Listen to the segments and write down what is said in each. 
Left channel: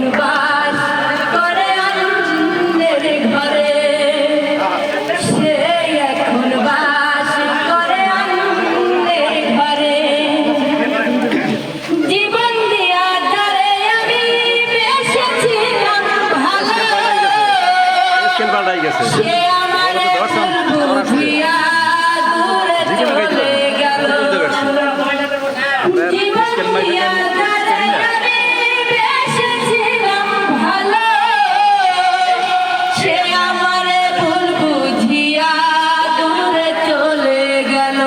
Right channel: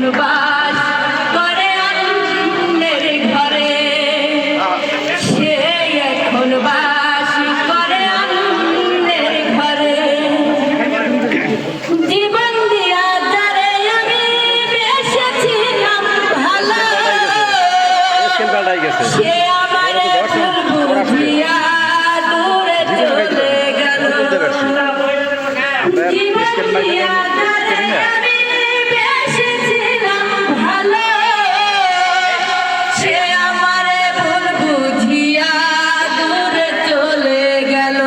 এখন বাস করে অন্যের ঘরে, সে এখন বাস করে অন্যের ঘরে। জীবন দিয়া যারে আমি বেসেছিলাম ভালো, সে আমার বুঝিয়া দূরে চলে গেল। জীবন দিয়া যারে আমি বেসেছিলাম ভালো, সে আমার ভুল বুঝিয়া দূরে চলে গেল।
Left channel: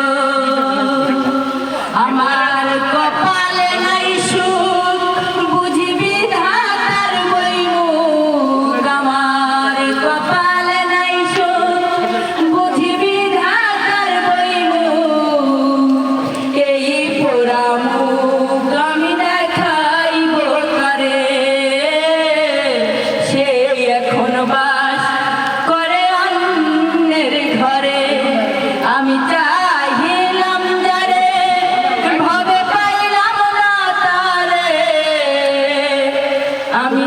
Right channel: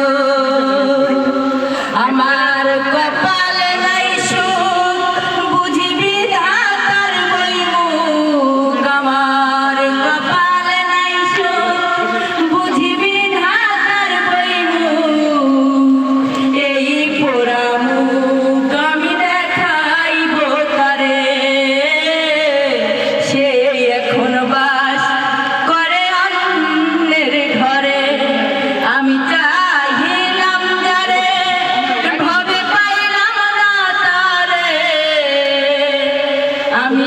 আমার কপালে নাই সুখ বুঝি বিধাতার বইমুখ, আমার কপালে নাই সুখ বুঝি বিধাতার বইমুখ। এই পোড়া মুখ আমি দেখাইব কারে, সে এখন বাস করে অন্যের ঘরে। আমি চাহিলাম যারে ভবে পাইলাম না তারে, আমি